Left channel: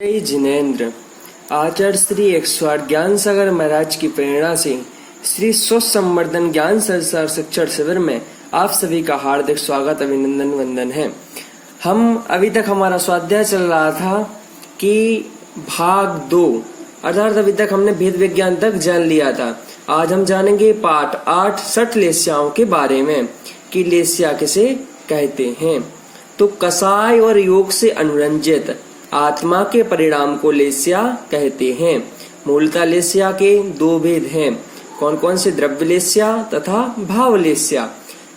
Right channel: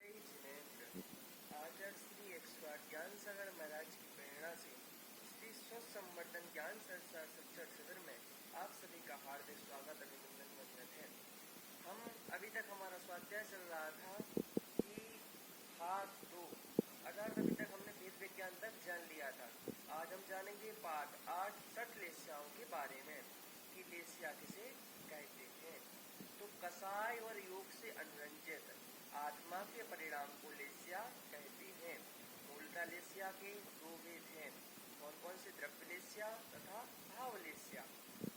जय जिनेन्द्र। आचार्य श्री 108 ज्ञान सागर महाराज की प्रेरणा से श्री स्वस्थ संवर्धन ज्ञान संसार शिक्षण शिविर में आप सभी का हार्दिक स्वागत अभिनंदन वंदन है। हम अभी तक हमारा स्वाध्याय चल रहा था कि भाग 2 अर्थात अभी तक हमने भेद विज्ञान तक जान लिया था। आज हम जानेंगे पाठ 8 सठ लेस्याओं के बारे में कि लेस्या किसे कहते हैं। तो कसाय और योग से अनुरंजित आत्मा के परिणाम को लेस्या कहते हैं। मूलतः लेस्या के दो भेद हैं, कौन कौन से? द्रव्य लेस्या तथा भाव लेस्या।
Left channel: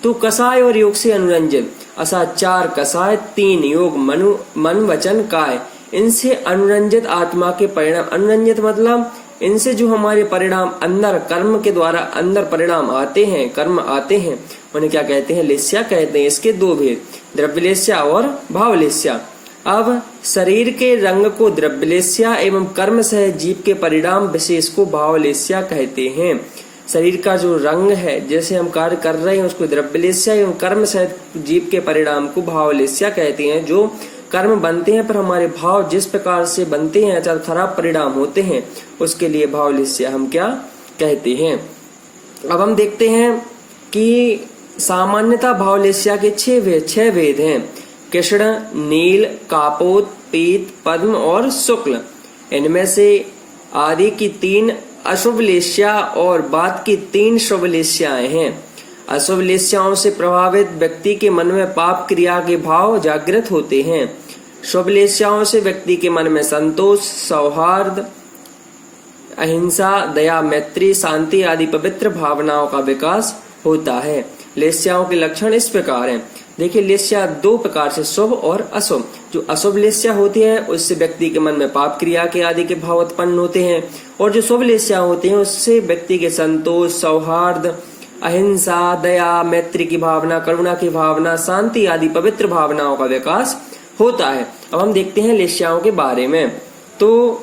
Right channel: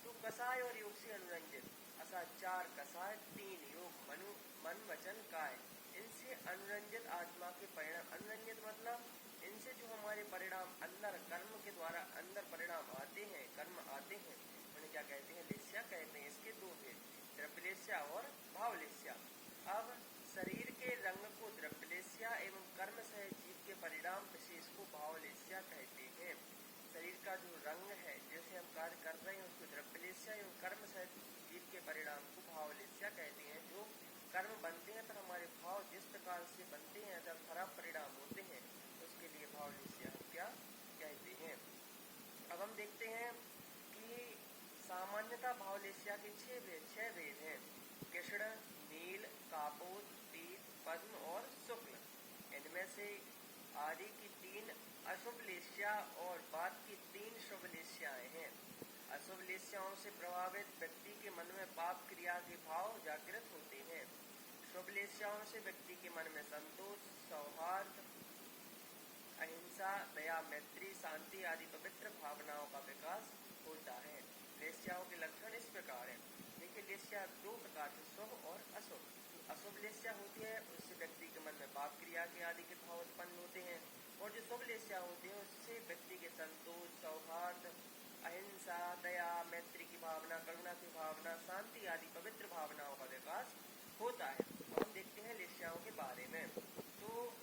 तो कसाय और योग से अनुरंजित असा 4 कसाय 3 योग मन वचन काय, इनसे अनुरंजित आत्मा के परिणाम। अनुरंजित मतलब इनसे जो हमारे परिणाम अंदर कर्म के द्वारा अंदर परिणाम आते हैं, कर्म आते हैं, उन्हें क्या कहते हैं? लेस्या कहते हैं। इसके दो भेद, द्रव्य लेस्या और भाव लेस्या। अब शरीर के रंग को द्रव्य लेस्या एवं कर्म सह जीव के परिणाम विशेष को भाव लेस्या कहते हैं। शरीर का जो रंग है, जैसे हम कार्य कर रहे हैं, उसको द्रव्य लेस्या एवं कर्म सह जीव के परिणाम को भाव लेस्या कहते हैं। जो कर्म बनते हैं पर हमारे भाव जिस प्रकार से बनते हैं अर्थात खराब परिणाम होते हैं, उसके लिए भाव लेस्या हम क्या कहते हैं। अब हम देखते हैं कि सामान्यतः भाव लेस्या के 6 भेद हैं। कृष्ण, नील, कापोत, पीत, पद्म और शुक्ल। इनमें से आदि की 3 अशुभ लेस्या और बाद की 3 शुभ लेस्याएं हैं। अशुभ लेस्याओं से प्रभावित व्यक्ति के मन में पाप क्रिया के भाव जागृत होते हैं। शुभ लेस्याओं से व्यक्ति के मन में संतोष, सौहार्द, अहिंसा, दया, मैत्री, शांति आदि पवित्र भावनाओं का विकास होता है। लेस्याओं के लक्षण इस प्रकार हैं। देखिए, लेस्या 2 प्रकार से, शुभ और अशुभ। जो अशुभ लेस्या होती है उससे व्यक्ति के मन में पाप क्रिया के आदि के भाव उत्पन्न होते हैं, और जो शुभ लेस्या होते हैं उससे व्यक्ति के संतोष, सौहार्द, अहिंसा, दया, मैत्री की भावना, करुणा की भावना, शांति आदि पवित्र भावनाओं का विकास होता है। अब हम देखते हैं लेस्याओं के बारे में। तो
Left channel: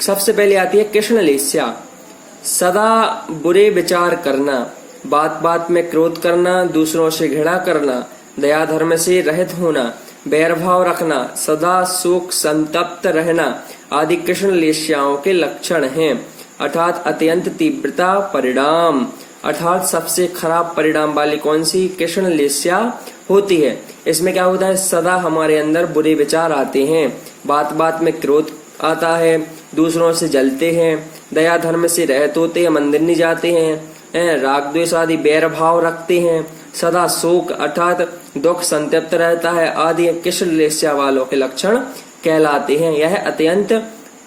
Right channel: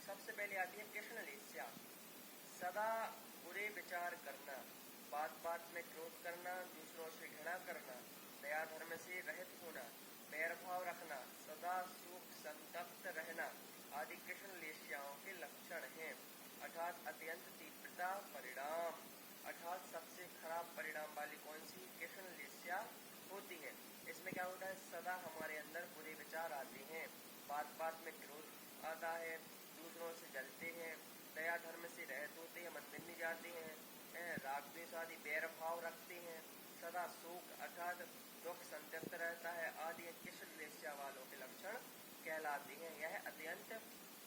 सबसे पहले आती है कृष्ण लेस्या। सदा बुरे विचार करना, बात बात में क्रोध करना, दूसरों से घृणा करना, दया धर्म से रहित होना, बैर भाव रखना, सदा शोक संतप्त रहना आदि कृष्ण लेस्याओं के लक्षण हैं। अर्थात अत्यंत तीव्रता परिणाम, अर्थात सबसे खराब परिणाम वाली कौन सी? कृष्ण लेस्या होती है। इसमें क्या होता है? सदा हमारे अंदर बुरे विचार आते हैं, बात बात में क्रोध आता है, दूसरों से जलते हैं, दया धर्म से रहित होते हैं, मंदिर नहीं जाते हैं, राग द्वेष आदि बैर भाव रखते हैं, सदा शोक अर्थात दुख संतप्त रहता है आदि कृष्ण लेस्या वालों के लक्षण कहलाते हैं। यह अत्यंत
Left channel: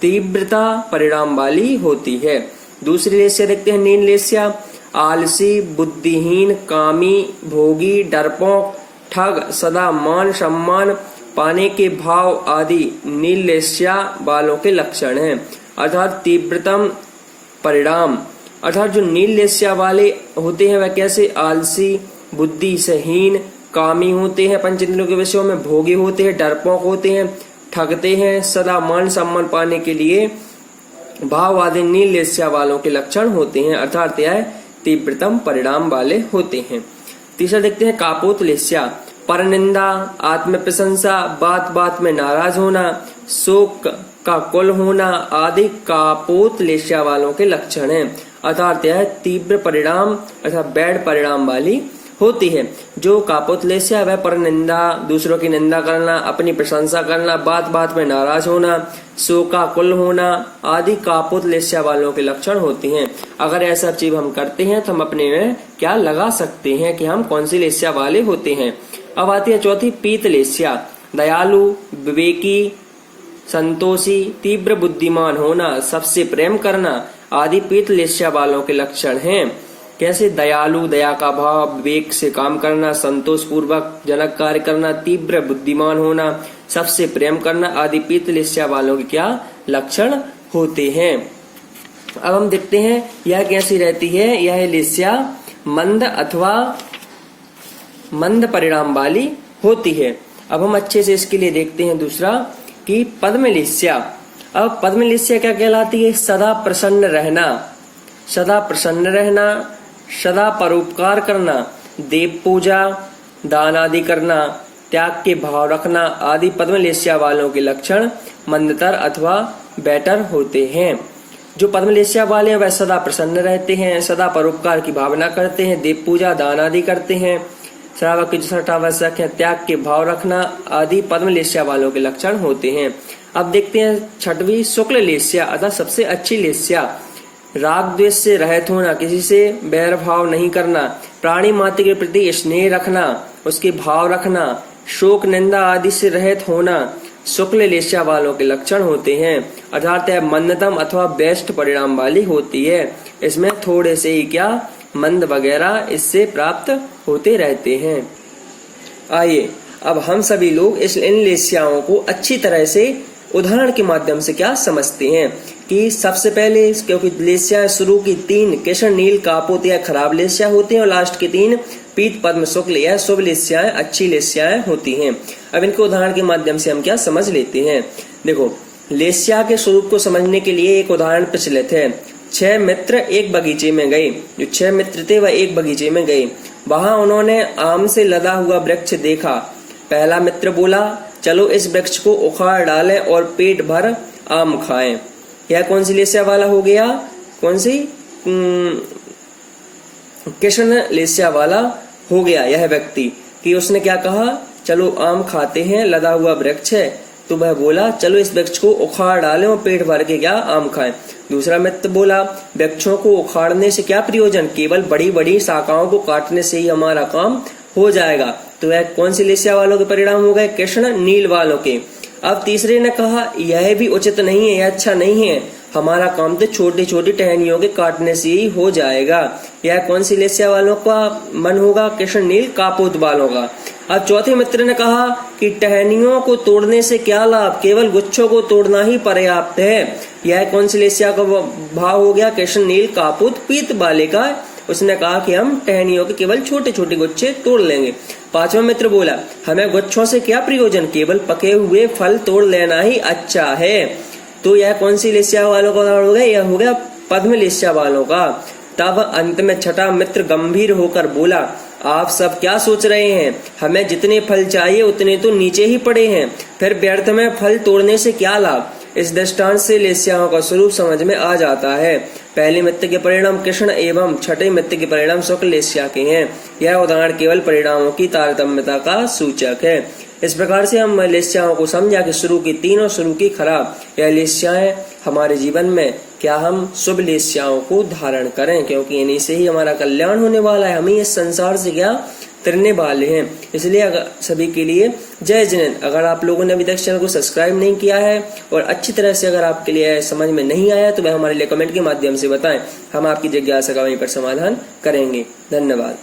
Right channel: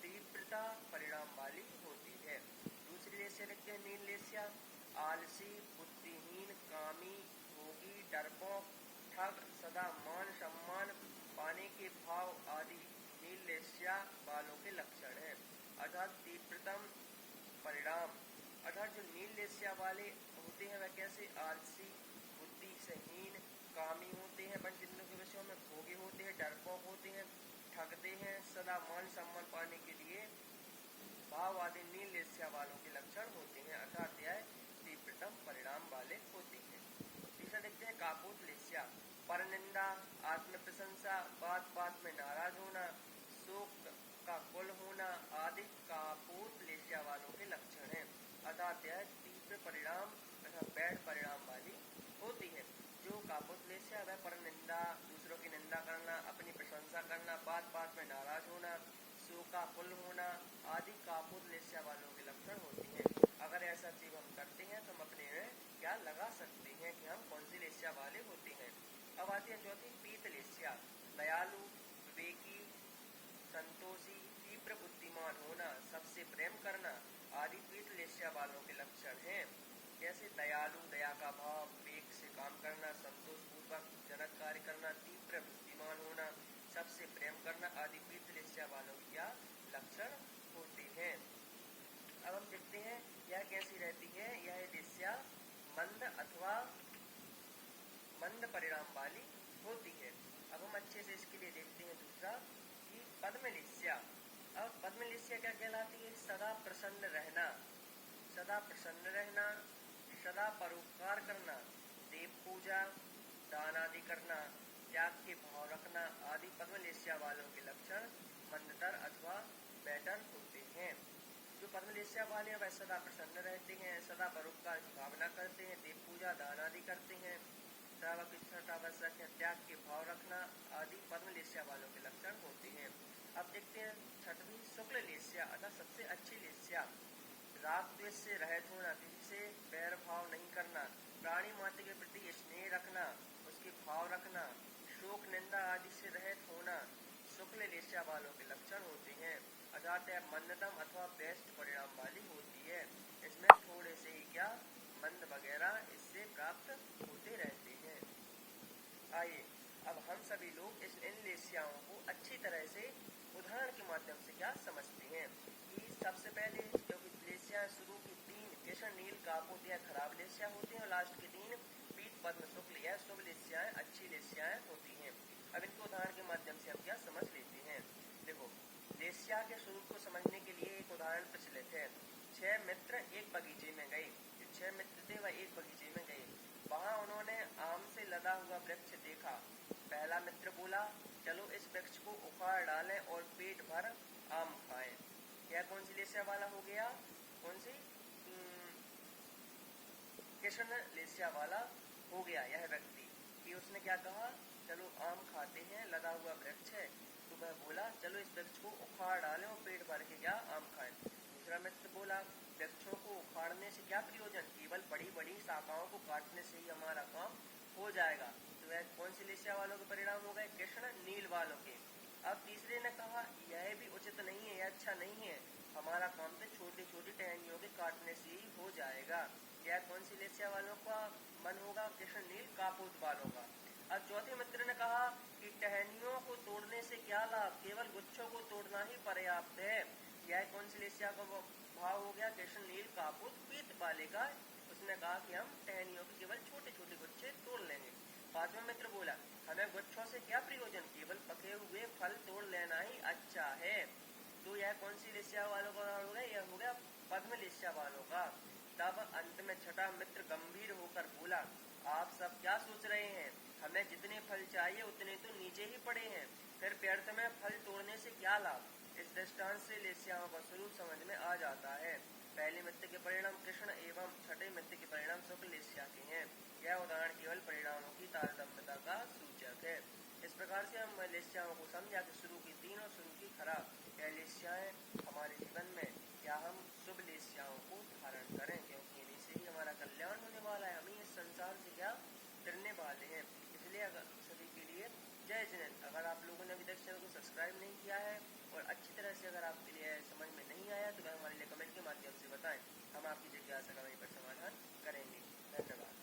तीव्रता परिणाम वाली होती है। दूसरी लेस्या देखते हैं नील लेस्या। आलसी, बुद्धिहीन, कामी, भोगी, डरपोक, ठग, सदा मान सम्मान पाने के भाव आदि नील लेस्या वालों के लक्षण हैं। अर्थात तीव्रतम परिणाम, अर्थात जो नील लेस्या वाले होते हैं वह कैसे? आलसी, बुद्धि से हीन, कामी होते हैं, पंच इंद्रियों के विषयों में भोगी होते हैं, डरपोक होते हैं, ठगते हैं, सदा मान सम्मान पाने के लिए भाव आदि नील लेस्या वालों के लक्षण होते हैं। अर्थात यह तीव्रतम परिणाम वाले होते हैं। तीसरा देखते हैं कापोत लेस्या। परनिंदा, आत्म प्रशंसा, बात बात में नाराज होना, शोक का कुल होना आदि कापोत लेस्या वालों के लक्षण हैं। अर्थात यह तीव्र परिणाम अर्थात बैड परिणाम वाली होती है। जो कापोत लेस्या वह परनिंदा, दूसरों की निंदा करना, अपनी प्रशंसा करना, बात बात में नाराज होना, शोक का कुल होना आदि कापोत लेस्या वालों के लक्षण होते हैं। अगर ऐसा चीज हम करते हैं तो हम अपने में क्या लगा सकते हैं कि हम कौन सी लेस्या वाले होते हैं। अब आती है चौथी पीत लेस्या। दयालु, विवेकी, संतोषी, तीव्र बुद्धिमान होना, सबसे प्रेम करना आदि पीत लेस्या वालों के लक्षण हैं। कैसे? दयालु, दया का भाव, विवेक से काम करना, संतोष पूर्वक जनक कार्य करना, तीव्र बुद्धिमान होना, सबसे प्रेम करना आदि पीत लेस्या वालों के क्या लक्षण होते हैं। अब हम देखते हैं यह कैसी रहती है। यह लेस्या मंद अथवा मंद परिणाम वाली होती है। अब हम अच्छे से इसके लिए देखते हैं दूसरा कि पद्म लेस्या। अब पद्म लेस्या क्या कहलाती है? सदा प्रसन्न रहना, सदा प्रसन्न रहना, सदा परोपकार करना, देव पूजा, दान आदि करना, त्याग के भाव रखना आदि पद्मलेस्या वालों के लक्षण मंदतर अथवा बेटर होते हैं। जो पद्मलेस्या वाले हैं वह सदा प्रसन्न रहते हैं, सदा परोपकार की भावना करते हैं, देव पूजा दान आदि करते हैं। श्रावक के जो छठ आवश्यक है त्याग के भाव रखना आदि पद्मलेस्या वालों के लक्षण होते हैं। अब देखते हैं छठवीं शुक्ल लेस्या अर्थात सबसे अच्छी लेस्या। राग द्वेष से रहित होना, किसी से बैर भाव नहीं करना, प्राणी मात्र के प्रति स्नेह रखना, उसके भाव रखना, शोक निंदा आदि से रहित होना शुक्ल लेस्या वालों के लक्षण होते हैं। अर्थात यह मंदतम अथवा बेस्ट परिणाम वाली होती है। इसमें थोड़े से ही क्या मंद वगैरह इससे प्राप्त होते रहते हैं। आइए अब हम सभी लोग इन लेस्याओं को अच्छी तरह से उदाहरण के माध्यम से क्या समझते हैं कि सबसे पहले, क्योंकि लेस्या शुरू की 3 केशर नील कापोत या खराब लेस्या होती हैं और लास्ट की 3 पीत पद्म शुक्ल या शुभ लेस्याएं अच्छी लेस्याएं होती हैं। अब इनके उदाहरण के माध्यम से हम क्या समझ लेते हैं। देखो, लेस्या के स्वरूप को समझने के लिए एक उदाहरण प्रचलित है। 6 मित्र एक बगीचे में गए। जो 6 मित्र थे वह एक बगीचे में गए। वहां उन्होंने आम से लदा हुआ वृक्ष देखा। पहला मित्र बोला, चलो इस वृक्ष को उखाड़ डालें और पेट भर आम खाएं। यह कौन सी लेस्या वाला हो गया? कौन सी? कृष्ण लेस्या वाला हो गया यह व्यक्ति कि उसने क्या कहा, चलो आम खाते हैं, लदा हुआ वृक्ष है। तो वह बोला, चलो इस वृक्ष को उखाड़ डालें और पेट भर के क्या आम खाएं। दूसरा मित्र बोला, वृक्षों को उखाड़ने से क्या प्रयोजन, केवल बड़ी बड़ी शाखाओं को काटने से ही हमारा काम हो जाएगा। तो यह कौन सी लेस्या वालों के परिणाम हो गए? कृष्ण नील वालों के। अब तीसरे ने कहा, यह भी उचित नहीं है, यह अच्छा नहीं है, हमारा काम तो छोटी छोटी टहनियों के काटने से ही हो जाएगा। यह कौन सी लेस्या वालों का मन होगा? कृष्ण नील कापोत वालों का। अब चौथे मित्र ने कहा कि टहनियों को तोड़ने से क्या लाभ, केवल गुच्छों को तोड़ना ही पर्याप्त है। यह कौन सी लेस्या का भाव हो गया? कृष्ण नील कापोत पीत वाले का। उसने कहा कि हम टहनियों के केवल छोटे छोटे गुच्छे तोड़ लेंगे। पांचवा मित्र बोला, हमें गुच्छों से क्या प्रयोजन, केवल पके हुए फल तोड़ लेना ही अच्छा है। तो यह कौन सी लेस्या वालों का उदाहरण हो गया? यह हो गया पद्म लेस्या वालों का। तब अंत में छठा मित्र गंभीर होकर बोला, आप सब क्या सोच रहे हैं, हमें जितने फल चाहिए उतने तो नीचे ही पड़े हैं, फिर व्यर्थ में फल तोड़ने से क्या लाभ। इस दृष्टांत से लेस्याओं का स्वरूप समझ में आ जाता है। पहले मित्र के परिणाम कृष्ण एवं छठे मित्र के परिणाम शुक्ल लेस्या के हैं। यह उदाहरण केवल परिणामों की तारतम्यता का सूचक है। इस प्रकार से हम लेस्याओं को समझा कि शुरू की 3 और शुरू की खराब। यह लेस्याएं हमारे जीवन में क्या हम शुभ लेस्याओं को धारण करें, क्योंकि इन्हीं से ही हमारा कल्याण होने वाला है। हम ही इस संसार से क्या तरने वाले हैं। इसलिए अगर सभी के लिए जय जिनेंद्र। अगर आप लोगों ने अभी तक चैनल को सब्सक्राइब नहीं किया है और अच्छी तरह से अगर आपके लिए समझ में नहीं आया तो वह हमारे लिए कमेंट के माध्यम से बताएं, हम आपकी जिज्ञासा का वहीं पर समाधान करेंगे। धन्यवाद।